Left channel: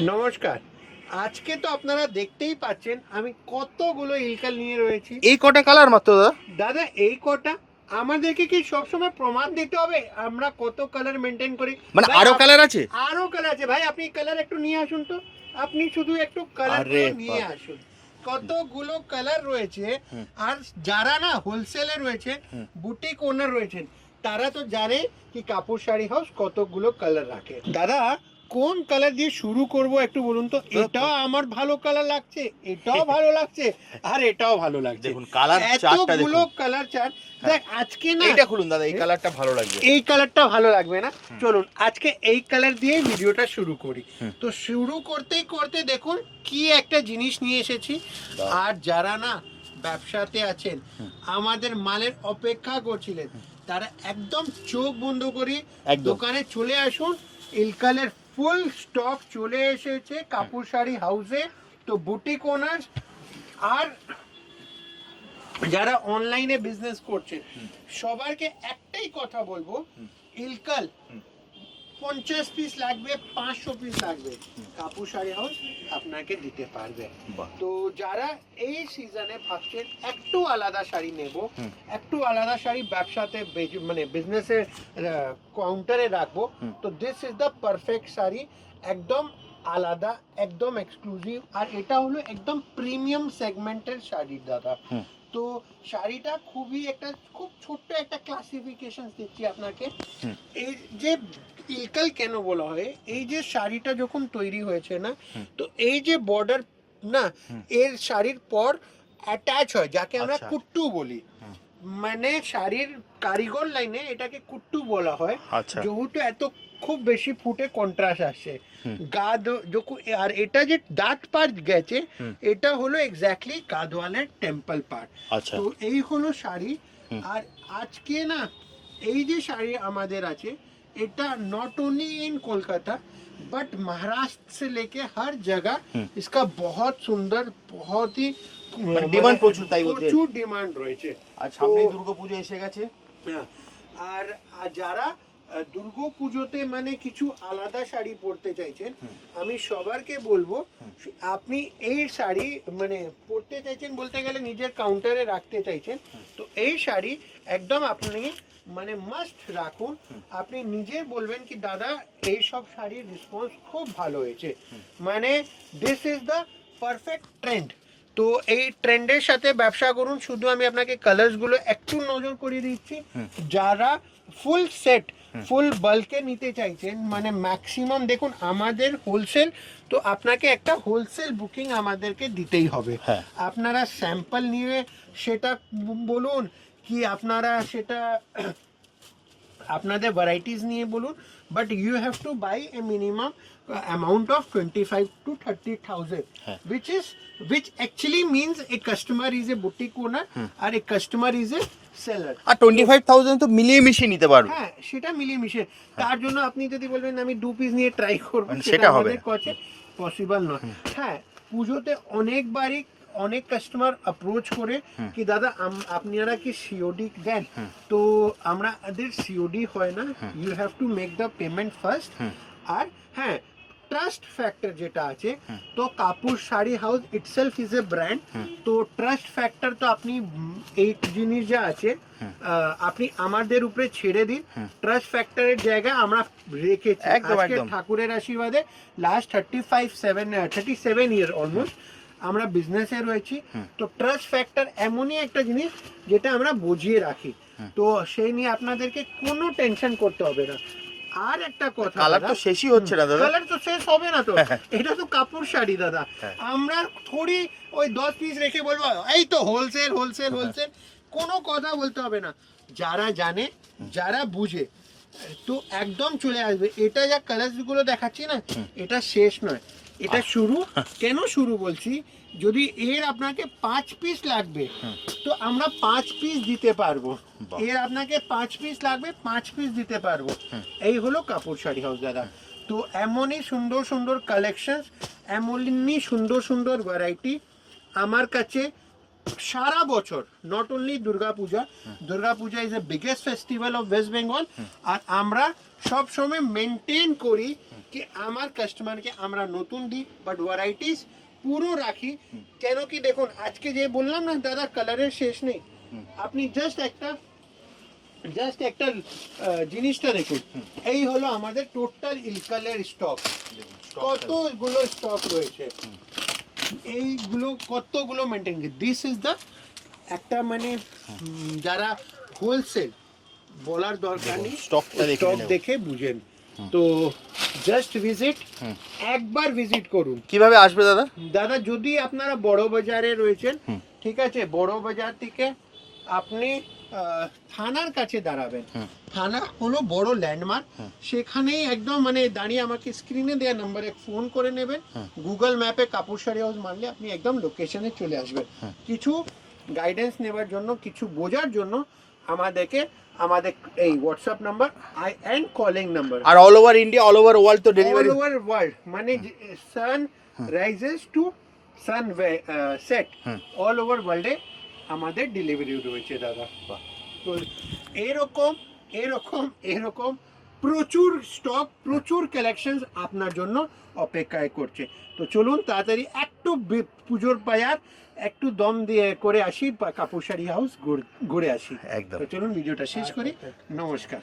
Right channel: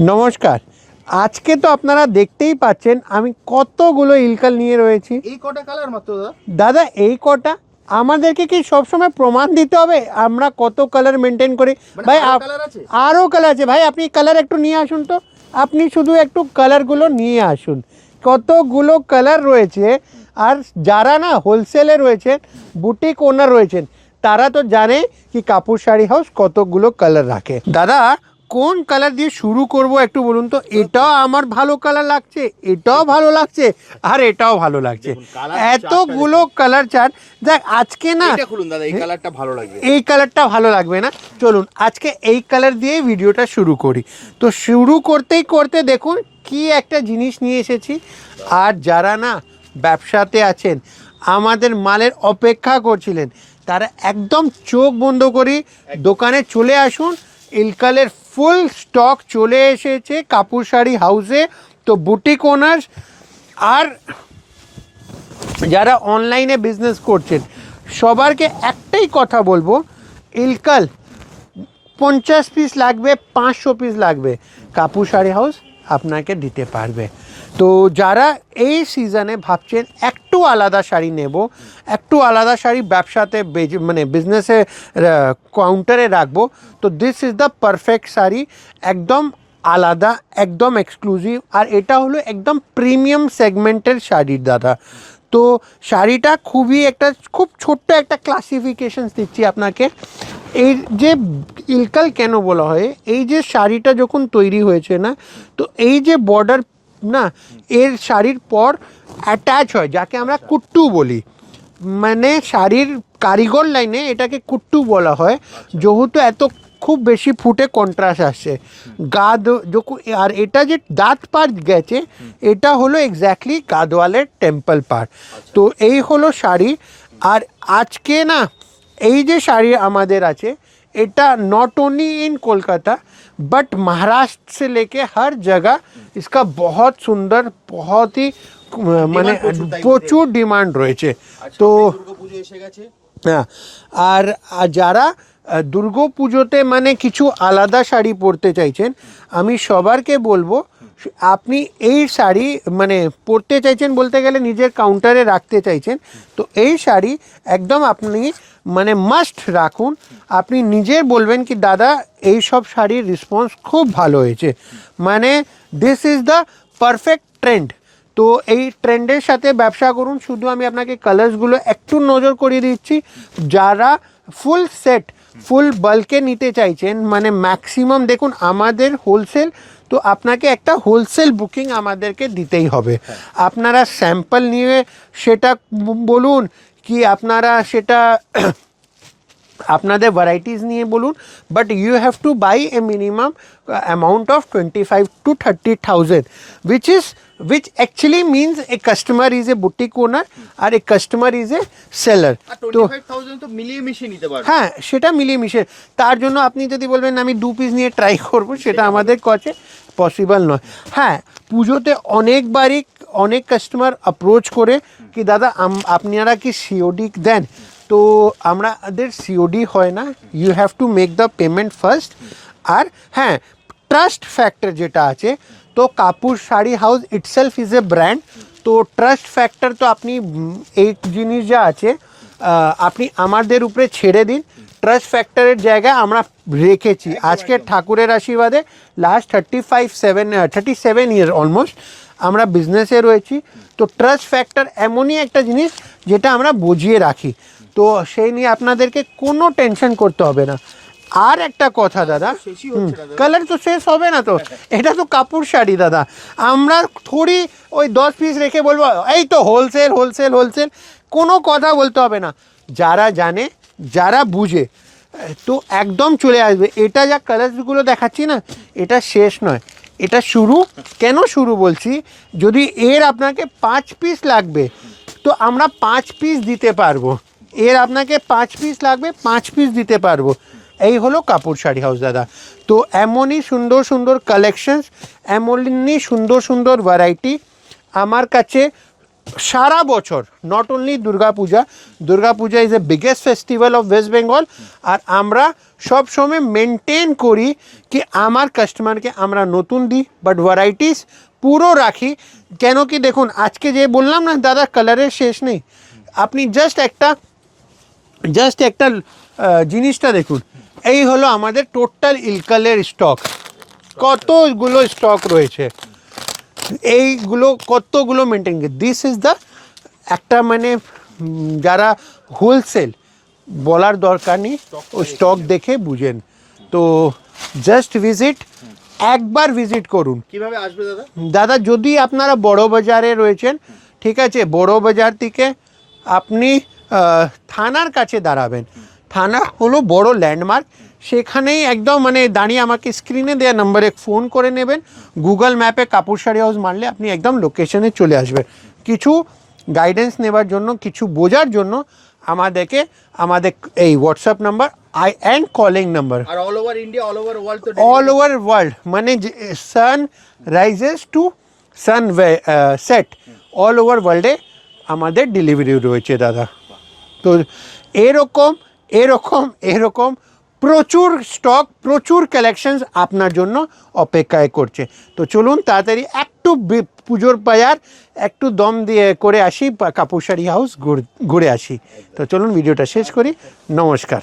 নমস্কার। আজকে তো আপনারা দেখতেই পাচ্ছেন আমি কতগুলো ইলকাল নিয়ে রয়েছি। এই কটা কালার মাত্র দাদা? দাদা এই কটা আমাদেরকে কি সবসময় প্রমাণ দিতে হবে আমরা কত কালার মেনটেন করি? মানে ভাই আরো কালার আছে? আরও কালার আছে ভাই, আপনি কালার একটু নিয়ে আসুন তো। আপনি শুধু একটু কালারগুলো নিয়ে আসুন, কতগুলো কালার রয়েছে। আর যারা না হোলসেলে রয়েছে, বুটিক ওনার রয়েছেন, তারা তো জানে কি কাপুর শাড়ি হাউস কতগুলো কালার রাখে। দাদা কোন কালার দিয়ে শুরু করব একটু বলুন তো। এটাও আমার ভালো কালার লাগছে, এটাও ভালো লাগছে, আর এটাও ভালো লাগছে। এতগুলো কালার চার্ট। দেখ আজকে না এটা খুলুন দাদা, এই কালারটা ভালো লাগবে। এই কালারটা ভালো লাগবে না, চলুন আজকে এই কালার দিয়েই ভিডিওটা শুরু করি। তো শুরু করতেই করতে দেখুন কি একটা জিনিস নিয়ে এসেছি। আর যারা না ব্যবসাতে আছেন, আমাদের মালের অপেক্ষা করছিলেন, তারা একদম চোখ বন্ধ করে দোকানে চলে আসুন। ইলকালের ফুল স্টক চলে এসেছে কাপুর শাড়ি হাউসে। তো বুটিক ওনার্স আর যারা অনলাইনে বিজনেস করছেন, সবারকে একটাই কথা বলবো, ইলকাল 50 পিস লাগবে, 500 পিস লাগবে, কাপুর শাড়ি হাউস আপনাকে দিতে পারবে। তো যারা এই সিজনে ভাবছেন একটু আলাদা শাড়ি নেব, একটু আলাদা শাড়ি ব্যবসাতে মানে বিজনেসে কাউন্টারে রাখবো, তো this is the perfect sari. একদম আলাদা, একদম এক্সক্লুসিভ, আর এটা হলো একদম প্রিমিয়াম সেগমেন্টের শাড়ি দাদা। তো শাড়িটা খুব ছোট্ট একটা ক্লাসিফিকেশন দিচ্ছি আপনাকে। এই যে ইলকাল কেন বলা হয়, এই যে শাড়িটা যখন তৈরি হয়েছে না, তো এই যে বর্ডার না, এর শাড়ির পর অ্যাটাচ হয় যাকে আমরা কুট্টু বলি। মানে শাড়ির কারিগর লাইনে এটাকে কুট্টু বলা হয়। যেহেতু এত খুব বেশি ফুটে কন্ট্রাস্ট আসছে আর এটা যে দাঁত পার গেছে, এটা হলো এক্স্যাক্টলি গাদওয়ালের টেম্পল পার। তো এই হলো শাড়ি। আর আজকে না এই যে শাড়ি আমাদের আছে, এটা not only in Kolkata but Maharashtra से लेके हर जगह इसका बहुत सुंदर, बहुत ही মানে প্রচুর ডিমান্ড রয়েছে। তো দুর্গাপুজো এসে গেছে। হ্যাঁ, আর যারা দুর্গাপুজোতে মানে কিছু আলাদা শাড়ি পরতে চাইছেন, আমি সবারকে বলবো আপনি এই শাড়ি মানে পরতে চাইছেন বলতে গেলে নিজের কাউন্টারে রাখতে চাইছেন, তো এই শাড়ি একদম আপনি মানে মাস্ট রাখুন। আপনি নিজে বলবেন কি দাদা এই সব শাড়ির রেসপন্স খুব ভালো হয়েছে, মানে this is the perfect trend. তো এই ট্রেন্ডের সাথে ব্যবসা করুন। শুধু আমি আপনাকে কালার্সগুলো একটু নজর করিয়ে দিচ্ছি। যারা ফুল সেট ফুল বাল্কে নিতে চাইছেন, মানে ম্যাক্সিমাম দেখুন আমাদের হোলসেল, তো আপনাকে একটা হোলসেল বুকিং আমাদেরকে দিতেই হবে। আপনারা স্যাম্পল নিয়ে সেটা বলুন, কি আপনারা সেটা আপনাদের ভ্যারাইটিস নিয়ে বলুন, but you have to buy a minimum amount of 25 to 30,000, which actually means a customer is a boutique owner আর a customer is a seller। আর 25,000 তো মিলিয়ে মিশিয়ে নিতে পারবে। হ্যাঁ, সেটা মিলিয়ে মিশে। তার জন্য আপনি যদি বলবেন আমি 2 পিস নিয়ে ট্রাই করবো, সেটা আমাদের কাছে পসিবল নয়। হ্যাঁ, পুজোতে অনেক কাস্টমার অ্যাপ্রোচ করে কি দাদা আপনারা কি সিওডি দেন? তো আমাদের সিওডি হয় না, you have to make the payment first. আর হ্যাঁ, ট্রাস্ট ফ্যাক্টর যেটা আছে, তো Kapoor sari house itself is a brand. তো ট্রাস্ট ফ্যাক্টর তো আপনি এই জিনিস যা আছে আপনি আমাদের উপরে ছেড়ে দিন। ট্রাস্ট ফ্যাক্টরের জায়গায় আমরা রেখেছি আজকে ঠাকুরের আশীর্বাদে লাস্ট 37 ইয়ার অলমোস্ট আমরা বিজনেসে রয়েছি। তো ট্রাস্ট ফ্যাক্টর এমনই একটা জিনিস যেটা আমরা বুঝিয়ে রাখি, তো সেই নিয়ে আপনাদেরকে কোনো টেনশন করতে হবে না। আর একটা কথা দাদা, শেষই হচ্ছে না দাদা। কালার তো শেষ হবে না তো, এটা তো কাপড় শাড়ি দাদা। আমরা থোড়ি ওই 10 পিস রেখে বলবো এই তো হোলসেল হোলসেল হোলসেল, কোনো কথা বলতে হবে না। যারা জানে, যারা বুঝে, তো একদম চলে আসবে। এটা যা কালারসগুলো দেখাচ্ছি না, এটা শেষ নয়, এটা শুরু। কেন শুরু বলছি, যদি এর আপনাকে 5 পিস লাগবে তো আমরা 5 পিস দিতে পারবো। এর আপনাকে 5 পিস লাগবে, 5 পিস দিতে পারবো। এই হলো কাপুর শাড়ি হাউস দাদা। তো এমনই সুন্দর সুন্দর কালেকশনস, এমনই সুন্দর সুন্দর ভ্যারাইটি আমার কাছে সারা বছর। Not only Durga Puja is a biggest festival of West Bengal, আর আমরা সব সময় মেনটেন করি কি আমার কাস্টমারকে আমরা নতুন দিই, বাট ভ্যারাইটিস পুরো রাখি। কেন কি দেখুন, আজকে যে বললাম না দাদা কালারের শেষ নেই, আপনি জাস্ট একটা জিনিসটা দেখুন, এই হলো আমাদের টোটাল ইলকালের স্টক, কতগুলো স্টক রয়েছে, এইগুলো কতগুলো মেনটেন করে। দিস ইজ দ্য একটা মানে যারা হোলসেল বলার দরকার নেই, স্টক দেখে বুঝেন। তো জাস্ট ভিজিট, একবার ভিজিট করুন। কিভাবে আসবে দাদা? দাদা যদি আপনারা বড় বাজারে রয়েছেন, ঠিক আছে, বড় বাজার থেকে আপনি থানার কাছে দাঁড়াবেন। থানা হলো বড় ল্যান্ডমার্ক, সেখানেই একদম মানে দাঁড়িয়ে আমাকে স্ক্রিনে দেওয়া নাম্বারে ফোন করে নেবেন। গুগল ম্যাপে কাপুর শাড়ি হাউস মারলে আপনি একদম লোকেশনে চলে আসবেন। কিছু গাইডেন্স নেবার জন্য, কিছু বোঝার জন্য আমাদের এই WhatsApp number and calling number. আর all over India, all over world তো অল ওভার ওয়ার্ল্ড, মানে sun rises to sun set, all over ওয়ার্ল্ডে আমাদের ডেলিভারি রয়েছে দাদা। তো এরকম প্রচুর স্টক, প্রচুর কালেকশনস আপনার জন্য অপেক্ষায় করছে। তো চলুন তাড়াতাড়ি একটু পুজোর বাজার একটু দম দিয়ে করে আসি, কাপুর শাড়ি হাউস ঘুরে আসি। তো চলুন ভিডিওটা শেষ করি। নমস্কার।